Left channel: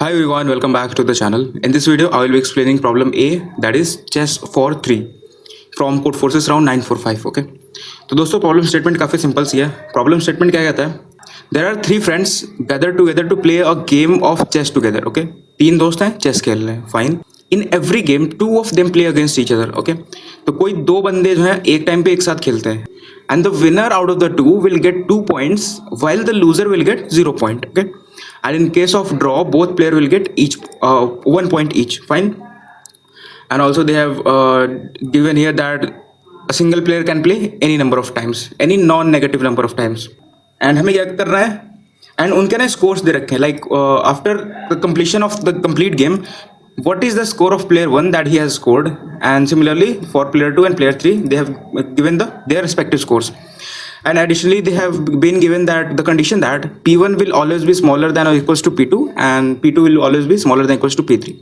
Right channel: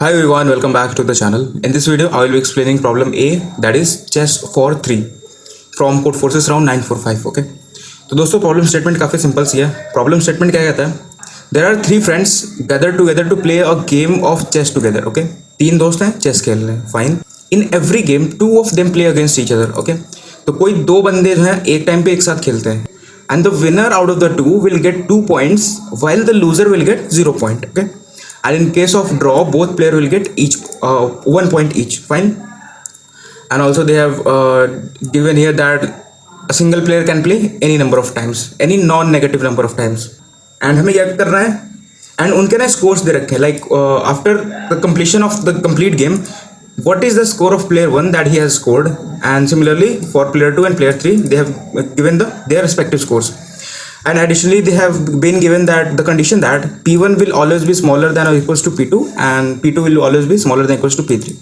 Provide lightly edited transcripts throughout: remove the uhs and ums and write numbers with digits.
Hi everyone, welcome back to the channel. In this video, I will be explaining problem A, that is chess for 3 from code forces round 945. Okay. तो दोस्तों problem statement काफ़ी simple सी है. Problem statement क्या कहता है? There are 3 friends gather together to play a game of chess together. Okay, 3 दोस्त हैं, चेस खेल रहे हैं. Fine. In every game 2 of them play against each other. Okay, तो कोई 2 बंदे जो हैं एक टाइम पे एक साथ खेलते हैं. And the winner out of the 2 will get 2 points while the loser will get 0 point. Okay, and in case of draw both player will get each 1 point each. Fine. And also they have given here that a single player can play any number of times, any non-negative number of times. And हमें क्या करना है, and उनके ना scores दे रखे हैं, like after the completion of the complete game, what is the score of player 1 that he has scored, and similarly for player 2 and player 3 they have given their respective scores. And additionally they have been given that the condition that P1 will always be smaller than or equals to P2 and P2 will always be smaller than or equals to P3.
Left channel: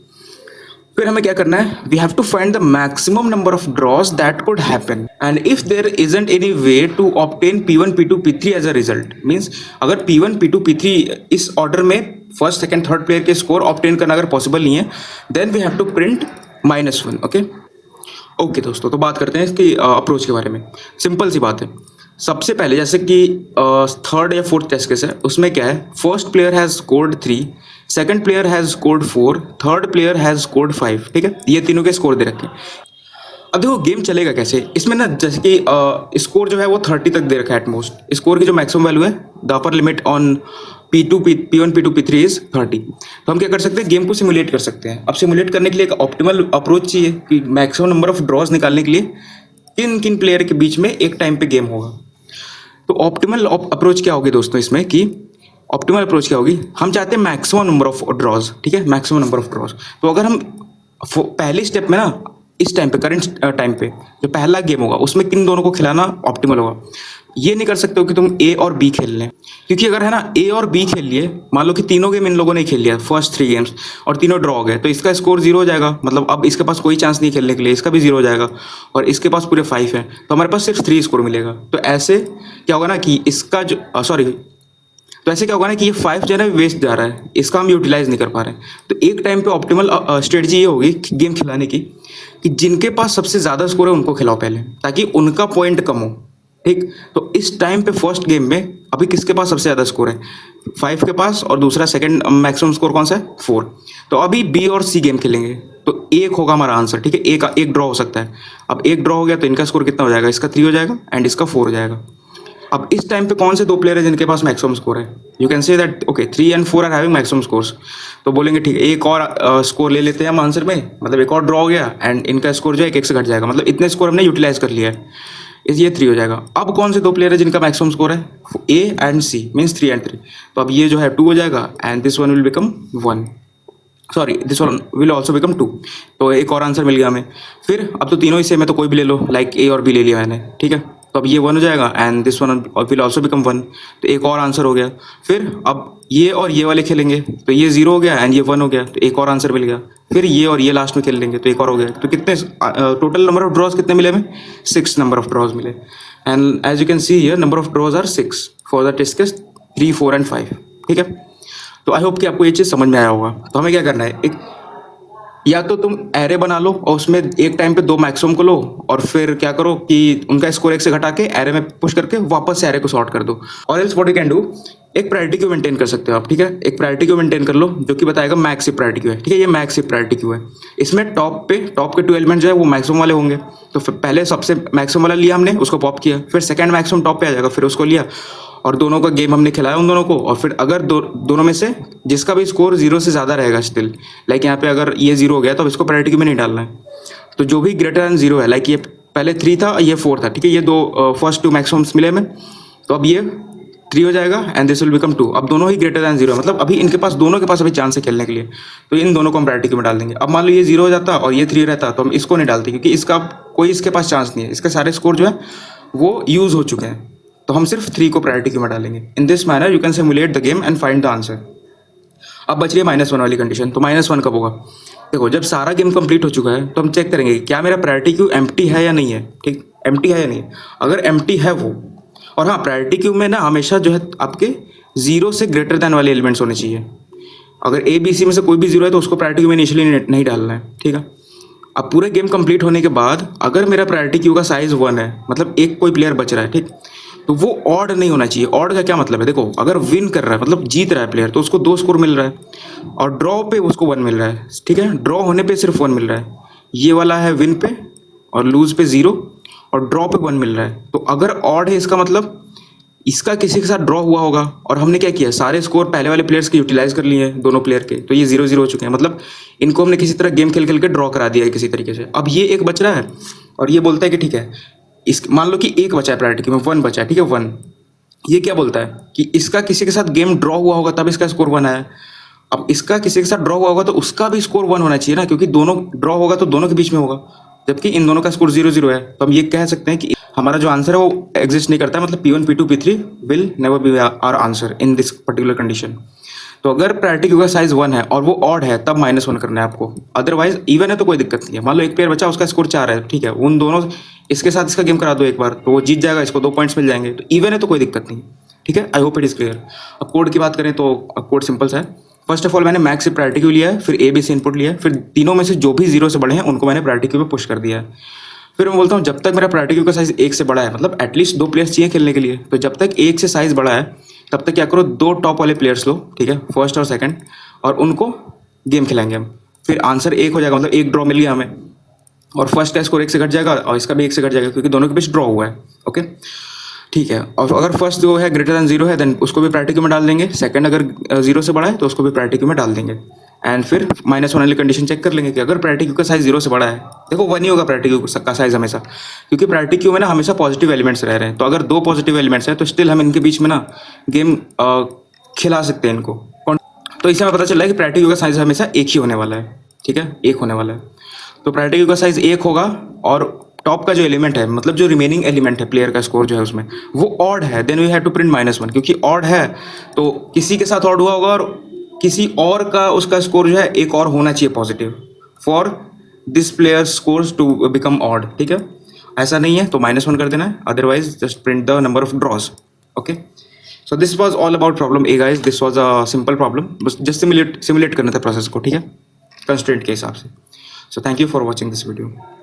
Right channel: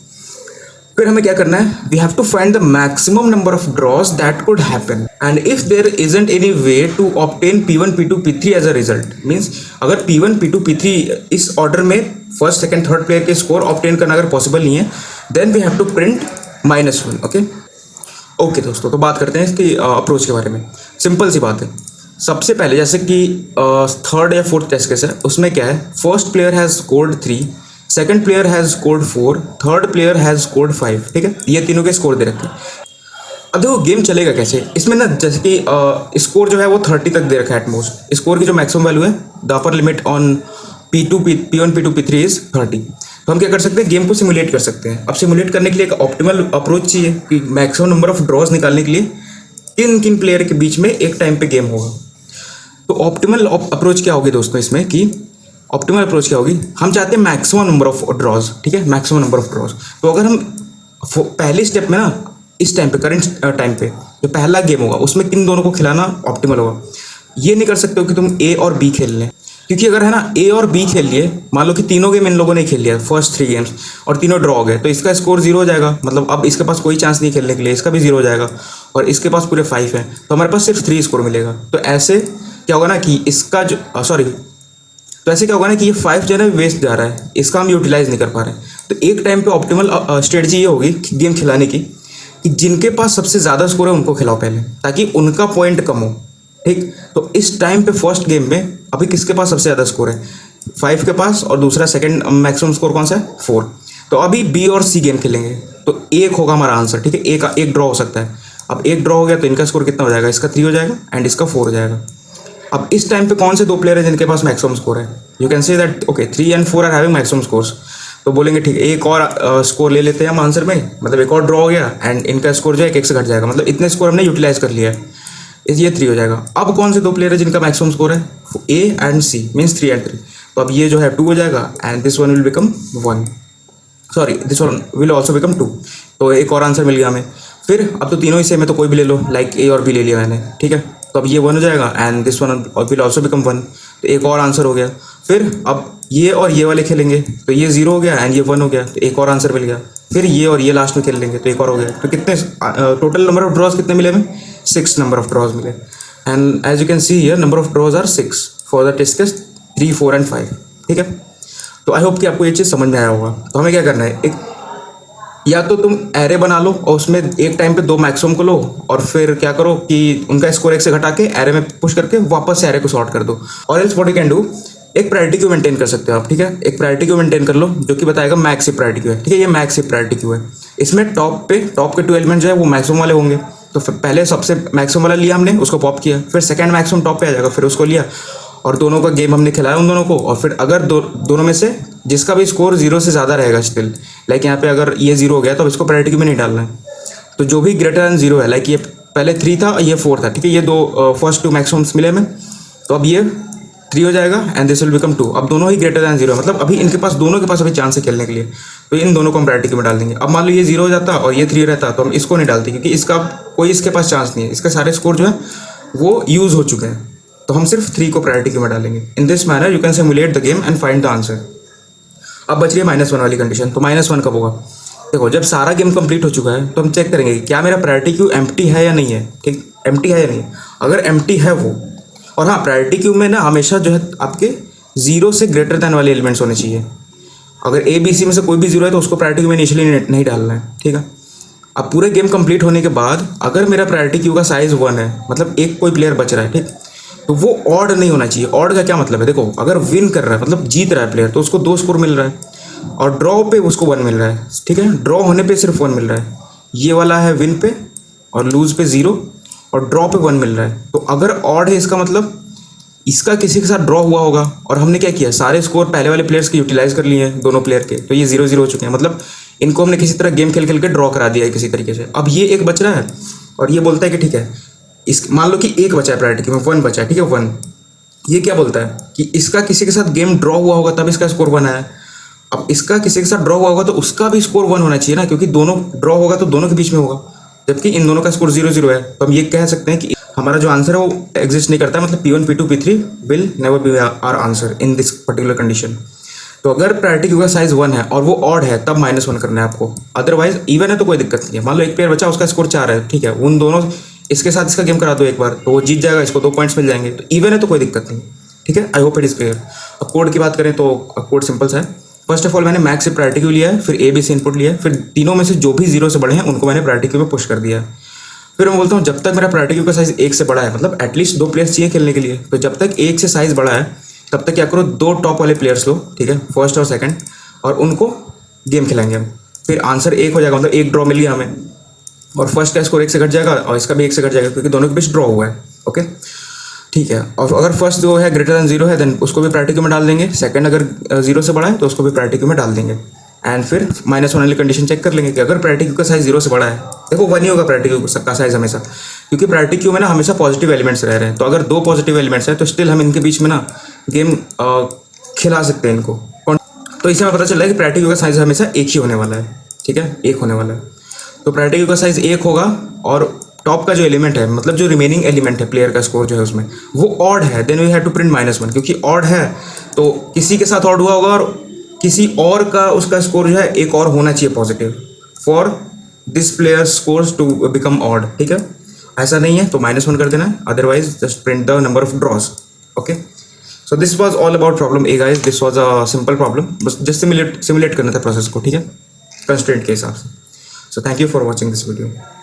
फिर हमें क्या करना है, we have to find the maximum number of draws that could happen, and if there isn't any way to obtain P1 P2 P3 as a result, means अगर P1 P2 P3 इस order में first second third player के score obtain करना अगर possible नहीं है, then we have to print -1. Okay दोस्तों, तो बात करते हैं इसकी अप्रोच के बारे में. सिंपल सी बात है. सबसे पहले जैसे कि थर्ड या फोर्थ टेस्ट केस है, उसमें क्या है, first player has scored 3, second player has scored 4, third player has scored 5. ठीक है, ये तीनों के स्कोर दे रखे हैं. अब देखो गेम चलेगा कैसे. इसमें ना जैसे कि स्कोर जो है वो 30 तक दे रखा है एटमोस्ट. स्कोर की जो मैक्सिमम वैल्यू है, the upper limit on P1 P2 P3 is 30. तो हम क्या कर सकते हैं, गेम को सिमुलेट कर सकते हैं. अब सिमुलेट करने के लिए एक ऑप्टिमल अप्रोच चाहिए कि मैक्सिमम नंबर ऑफ ड्रॉज निकालने के लिए किन किन प्लेयर के बीच में एक टाइम पे गेम होगा. तो ऑप्टिमल अप्रोच क्या होगी दोस्तों इसमें, कि ऑप्टिमल अप्रोच क्या होगी, हम चाहते हैं मैक्सिमम नंबर ऑफ ड्रॉज. ठीक है, मैक्सिमम नंबर ऑफ ड्रॉज. तो अगर हम पहले स्टेप में ना, इस टाइम पे करंट टाइम पे जो पहला गेम होगा उसमें किन दोनों को खिलाना ऑप्टिमल होगा. ये नहीं कर सकते हो कि तुम ए और बी खेल लें, क्योंकि अगर है ना ए और बी खेल लिए, मान लो कि तीनों गेम इन लोगों ने खेल लिया फर्स्ट 3 गेम्स और तीनों ड्रॉ हो गए, तो इसका स्कोर 0 हो जाएगा. मतलब अब इसके पास कोई चांस नहीं खेलने के लिए, इसका भी 0 हो जाएगा. और इसके पास पूरे 5 है, तो हमारे पास सिर्फ 3 स्कोर मिलेगा. तो ऐसे क्या होगा ना कि इसका जो तो ऐसे क्या होगा ना कि ये 5 जो है ना वेस्ट जा रहा है, इसका हम यूटिलाइज नहीं कर पा रहे हैं. तो एक टाइम पे ऑप्टिमल स्ट्रेटजी ये होगी गेम खिलाने की कि जिनके पास सबसे ज़्यादा स्कोर है उनको खिलाओ पहले, ताकि उनका पॉइंट कम हो. ठीक, तो इस टाइम पे फर्स्ट गेम में अभी किसके पास सबसे ज़्यादा स्कोर है, 5 के पास, और दूसरा सेकंड मैक्सिमम स्कोर कौन सा है, 4. तो अभी बी और सी गेम खेलेंगे, तो 1 होगा हमारा आंसर. ठीक है, एक ड्रॉ हो सकता है. अब 1 ड्रॉ हो गया तो इनका स्कोर कितना हो जाएगा, इसका 3 हो जाएगा एंड इसका 4 हो जाएगा. अब इस टाइम पे कौन से 2 प्लेयर हैं जिनके पास मैक्सिमम स्कोर है, you can say that okay 3 and 4 are having maximum scores. तो बोलेंगे ठीक है, एक और स्कोर ले लेते हैं हम आंसर में, मतलब एक और ड्रॉ हो गया एंड इनका स्कोर जो है 1 से घट जाएगा. मतलब इतने स्कोर हमने यूटिलाइज कर लिया है, ये 3 हो जाएगा. अब कौन से 2 प्लेयर है जिनका मैक्सिमम स्कोर है, A and C, means 3 and 3. तो अब ये जो है 2 हो जाएगा and this one will become 1, sorry this one will also become 2. तो एक और आंसर मिल गया हमें. फिर अब तो तीनों ही सेम है, तो कोई भी ले लो, लाइक ए और बी ले लिया मैंने. ठीक है, तो अब ये 1 हो जाएगा and this one will also become 1. तो एक और आंसर हो गया. फिर अब ये और ये वाले खेलेंगे, तो ये 0 हो गया एंड ये 1 हो गया, तो एक और आंसर मिल गया. फिर ये और ये लास्ट में खेल लेंगे, तो एक और हो गया. तो कितने टोटल नंबर ऑफ ड्रॉज कितने मिले हमें, 6 नंबर ऑफ ड्रॉज मिले. And as you can see here number of draws are 6 for the test case 3, 4 and 5. ठीक है, तो आई होप कि आपको ये चीज़ समझ में आया होगा. तो हमें क्या करना है, एक या तो तुम एरे बना लो और उसमें एक टाइम पे 2 मैक्सिमम को लो, और फिर क्या करो कि उनका स्कोर 1 से घटा के एरे में पुश करके वापस से एरे को सॉर्ट कर दो. और else what you can do, एक प्रायोरिटी क्यू मेंटेन कर सकते हो आप. ठीक है, एक प्रायोरिटी क्यू मेंटेन कर लो जो कि बताएगा मैक्स हिप प्रायोरिटी क्यू है. ठीक है, ये मैक्स हिप प्रायोरिटी क्यू है. इसमें टॉप के 2 एलिमेंट जो है वो मैक्सिमम वाले होंगे. तो पहले सबसे मैक्सिमम वाला लिया हमने, उसको पॉप किया, फिर सेकंड मैक्सिमम टॉप पे आ जाएगा, फिर उसको लिया और दोनों का गेम हमने खिलाया उन दोनों को. और फिर अगर दोनों में से जिसका भी स्कोर 0 से ज़्यादा रहेगा स्टिल, लाइक यहाँ पे अगर ये 0 हो गया तो अब इसको प्रायोरिटी में नहीं डालना है. तो जो भी ग्रेटर दैन 0 है, लाइक ये पहले 3 था, ये 4 था. ठीक है, ये फर्स्ट 2 मैक्सिमम्स मिले हमें, तो अब ये 3 हो जाएगा एंड दिस विल बिकम 2. अब दोनों ही ग्रेटर दैन 0 है, मतलब अभी इनके पास दोनों के पास अभी चांस है खेलने के लिए, तो इन दोनों को हम प्रायोरिटी में डाल देंगे. अब मान लो ये 0 हो जाता और ये 3 रहता, तो हम इसको नहीं डालते, क्योंकि इसका कोई इसके पास चांस नहीं है, इसके सारे स्कोर जो है वो यूज़ हो चुके हैं. तो हम सिर्फ 3 को प्रायोरिटी में डालेंगे. In this manner you can simulate the game and find the answer. अब बच रही है -1 वाली कंडीशन. तो -1 कब होगा, देखो जब सारा गेम कंप्लीट हो चुका है तो हम चेक करेंगे क्या मेरा प्रायोरिटी क्यू एम्प्टी है या नहीं है. ठीक, एम्प्टी है या नहीं. अगर एम्प्टी है वो, और हाँ प्रायोरिटी क्यू में ना हमेशा जो है आपके 0 से ग्रेटर दैन वाले एलिमेंट्स होने चाहिए. अगर ए बी सी में से कोई भी जीरो है तो उसको प्रायोरिटी क्यू में इनिशियली नहीं डालना है, ठीक है। अब पूरे गेम कंप्लीट होने के बाद अगर मेरा प्रायोरिटी क्यू का साइज 1 है, मतलब एक कोई प्लेयर बच रहा है, ठीक, तो वो ऑड नहीं होना चाहिए। ऑड का क्या मतलब है, देखो अगर विन कर रहा है मतलब जीत रहा है प्लेयर तो उसको 2 स्कोर मिल रहा है, और ड्रॉ पे उसको 1 मिल रहा है, ठीक है। ड्रॉ होने पे सिर्फ 1 मिल रहा है। ये वाला है विन पे, और लूज पे 0, और ड्रॉ पे 1 मिल रहा है। तो अगर ऑड है इसका मतलब इसका किसी के साथ ड्रॉ हुआ होगा, और हमने क्या किया, सारे स्कोर पहले वाले प्लेयर्स के यूटिलाइज कर लिए हैं, दोनों प्लेयर के, तो ये 0-0 हो चुके हैं। मतलब इनको हमने किसी तरह गेम खेल खेल के ड्रॉ करा दिया है किसी तरीके से। अब ये एक बच रहा है और ये बोलता है कि ठीक है, इस मान लो कि एक बचा है प्रायोरिटी में, 1 बचा है, ठीक है 1। ये क्या बोलता है कि इसका किसी के साथ गेम ड्रॉ हुआ होगा तब इसका स्कोर 1 आया। अब इसका किसी के साथ ड्रॉ हुआ होगा तो उसका भी स्कोर 1 होना चाहिए ना, क्योंकि दोनों ड्रॉ होगा तो दोनों के बीच में होगा, जबकि इन दोनों का स्कोर 0-0 है। तो हम ये कह सकते हैं कि हमारा जो आंसर है वो एग्जिस्ट नहीं करता है, मतलब P1 P2 P3 will never be our answer in this particular condition. तो अगर प्रायोरिटी क्यू का साइज 1 है और वो ऑड है तब -1 करना है आपको, अदरवाइज इवन है तो कोई दिक्कत नहीं है। मान लो एक प्लेयर बचा, उसका स्कोर 4 है, ठीक है, उन दोनों इसके साथ इसका गेम करा दो एक बार तो वो जीत जाएगा, इसको 2 पॉइंट्स मिल जाएंगे। तो इवन है तो कोई दिक्कत नहीं, ठीक है। I hope it is clear. अब कोड की बात करें तो कोड सिंपल सा है। फर्स्ट ऑफ ऑल मैंने मैक्स से प्रायोरिटी क्यू लिया है, फिर ए बी सी इनपुट लिया है, फिर तीनों में से जो भी 0 से बड़े हैं उनको मैंने प्रायोरिटी क्यू में पुश कर दिया है। फिर मैं बोलता हूँ जब तक मेरा प्रायोरिटी क्यू का साइज 1 से बड़ा है, मतलब एटलीस्ट 2 प्लेयर्स चाहिए खेलने के लिए, तो जब तक 1 से साइज बड़ा है तब तक क्या करो, 2 टॉप वाले प्लेयर्स लो, ठीक है, फर्स्ट और सेकंड, और उनको गेम खिलाएंगे हम। फिर आंसर 1 हो जाएगा, मतलब 1 ड्रॉ मिल गया हमें, और फर्स्ट का स्कोर 1 से घट जाएगा और इसका भी 1 से घट जाएगा, क्योंकि दोनों के बीच ड्रॉ हुआ है, ओके, ठीक है। और अगर फर्स्ट जो है ग्रेटर दैन 0 है देन उसको भी प्रायोरिटी क्यू में डाल देंगे, सेकंड अगर 0 से बड़ा है तो उसको भी प्रायोरिटी क्यू में डाल देंगे, एंड फिर -1 वाली कंडीशन चेक कर लेंगे कि अगर प्रायोरिटी क्यू का साइज 0 से बड़ा है, देखो 1 ही होगा प्रायोरिटी क्यू का साइज हमेशा, क्योंकि प्रायोरिटी क्यू में ना हमेशा पॉजिटिव एलिमेंट्स रह रहे हैं। तो अगर 2 पॉजिटिव एलिमेंट्स हैं तो स्टिल हम इनके बीच में ना गेम खिला सकते हैं इनको। तो इससे हमें पता चल रहा है कि प्रायोरिटी क्यू का साइज हमेशा 1 ही होने वाला है, ठीक है, 1 होने वाला है। तो प्रायोरिटी क्यू का साइज 1 होगा, और टॉप का जो एलिमेंट है, मतलब जो रिमेनिंग एलिमेंट है प्लेयर का स्कोर जो है उसमें वो ऑड है, then we have to print -1, क्योंकि ऑड है तो किसी के साथ ऑड हुआ होगा और किसी और का उसका स्कोर जो है एक और होना चाहिए positive for this player scores to become odd, ठीक है। ऐसा नहीं है तो -1 कर देना है, otherwise just print the number of drawers, okay. So this was all about problem A guys, this was a simple problem, बस जस्ट सिमुलेट करना था प्रोसेस को, ठीक है, कंस्ट्रेंट के हिसाब से। So thank you for watching this video.